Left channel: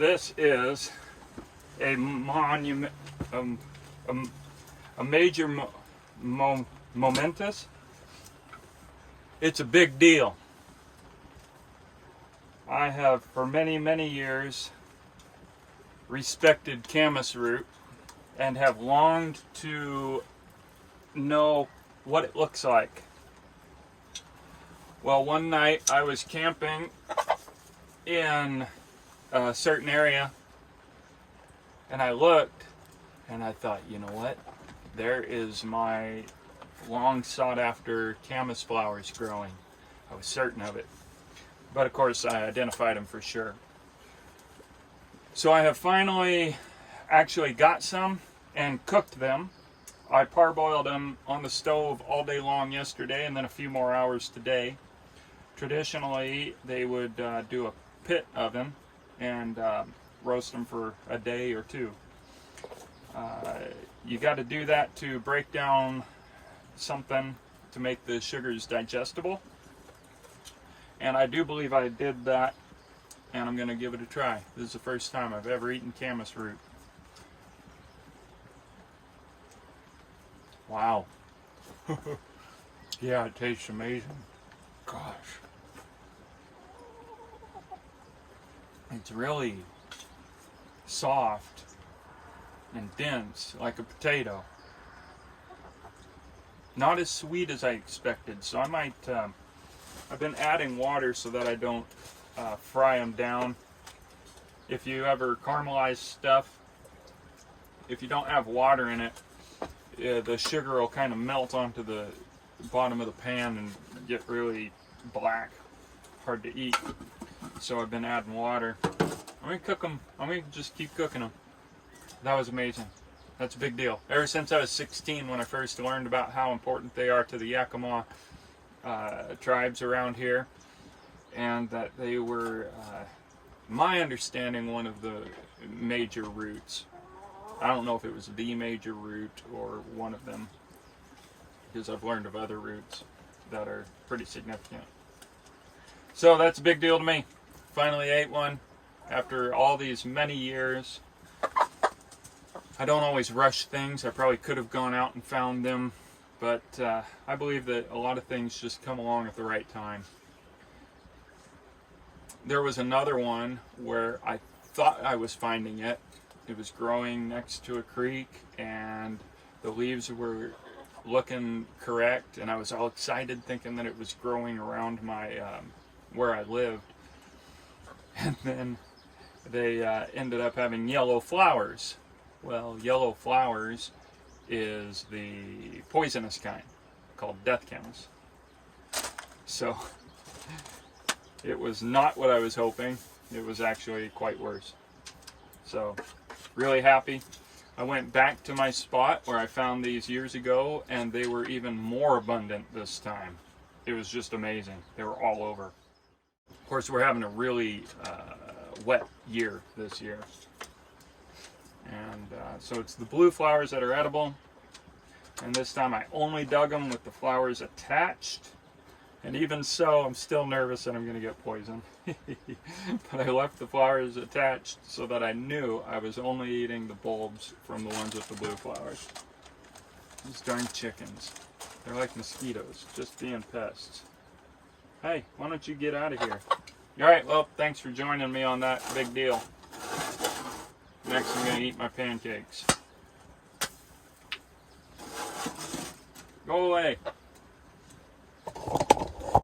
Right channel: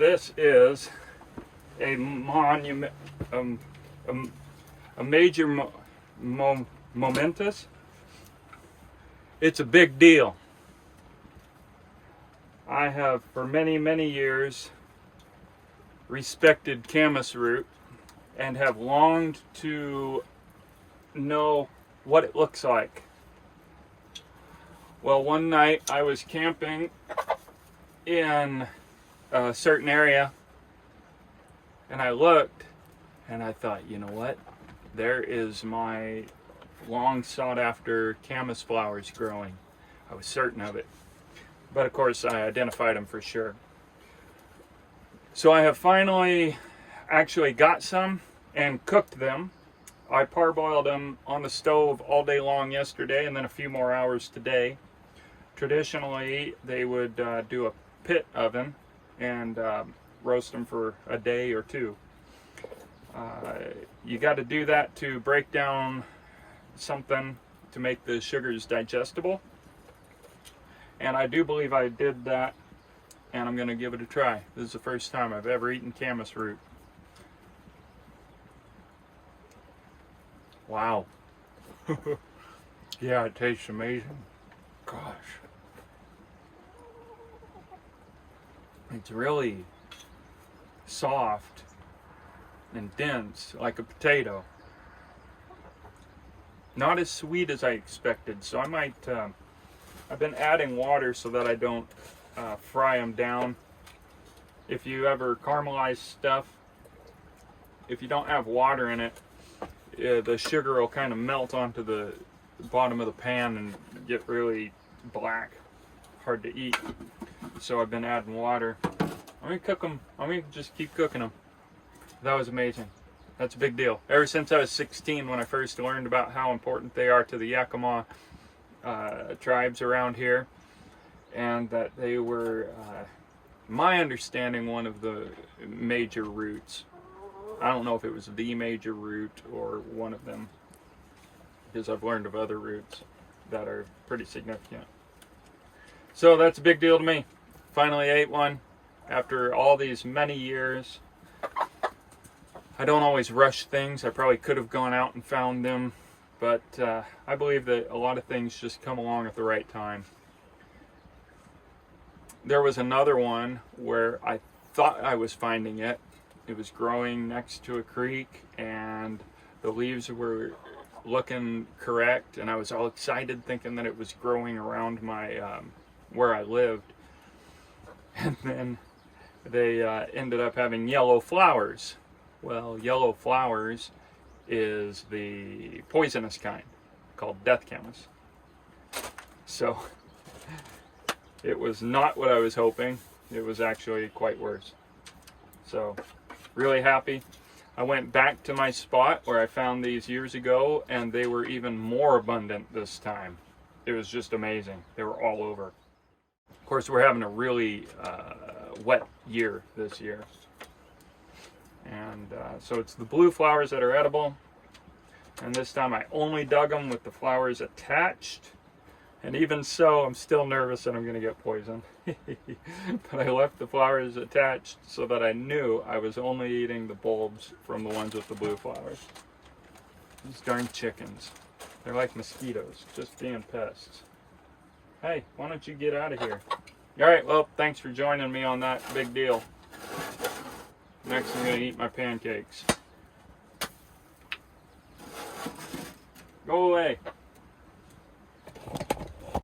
This is a monument, a major momentous. It's a big deal. I have for many years respected camas root and have longed to know what it looks like. Well, one night I was camping in a certain area and I looked and I thought, you know what? There is my long sought after camas flowers growing. I was certain of it. But of course I identified them for sure. So I have finally actually got some and cooked them. I parboiled them on the stove all day long yesterday and then a few more hours today. Traditionally, they would do a pit oven and roast them for a day or two. You got to do that to break down something to make the sugars digestible. And I do believe I did that, and I'm going to give it a try. This is the first time I've ever eaten camas root. Wow. Yeah, it tastes amazing. Gosh. It's really soft and dense, like a potato. Not as sweet as I expected, so I might, I've been adding water so that I don't fry them down. If you ever caramelize stuff, if you don't have water in it, the sugar will kind of melt onto the bottom of the pan and get really black, hard to eat. So I've been adding water. I'm gonna cook them. I'm gonna just keep cooking them. That was amazing. That's a big deal. Ever since I was 16, when I first learned about how important they are to the Yakima tribes around here, and that they were, my understanding, one of the major roots. I don't know if it was the major root or one of them, because I've learned of other roots that are pretty significant. So that's a big deal to me. Finally ate one after all these many years. I don't always rush things. I probably could have gone out and found them, but I believe that a lot of things just come along at the right time. There was another one where I thought I was finding it. It was growing next to a creek and the leaves were looking correct, and I was all excited thinking that it was growing around my where I lived. And then they ended up having yellow flowers. Well, yellow flowers is the poisonous kind, called death camas. So it was not what I was hoping. It was actually quite worse. So really happy. I went back to my spot where I found these years ago, and they were even more abundant this time. It was just amazing. They were all over. Of course, we're having a really wet year this year. And so it's the blue flowers that are edible. And this time I only dug them with the flowers attached. And even so, I'm still nervous that I'm going to get poisoned. But I left the flowers attached so that I knew I was only eating the bulbs from the ones with the blue flowers. These darn chickens. They're like mosquitoes, just being pests. Hey, why don't you get out of here? Alright, well, thanks for joining me on that big deal. Next, I'm going to eat my pancakes. Go away.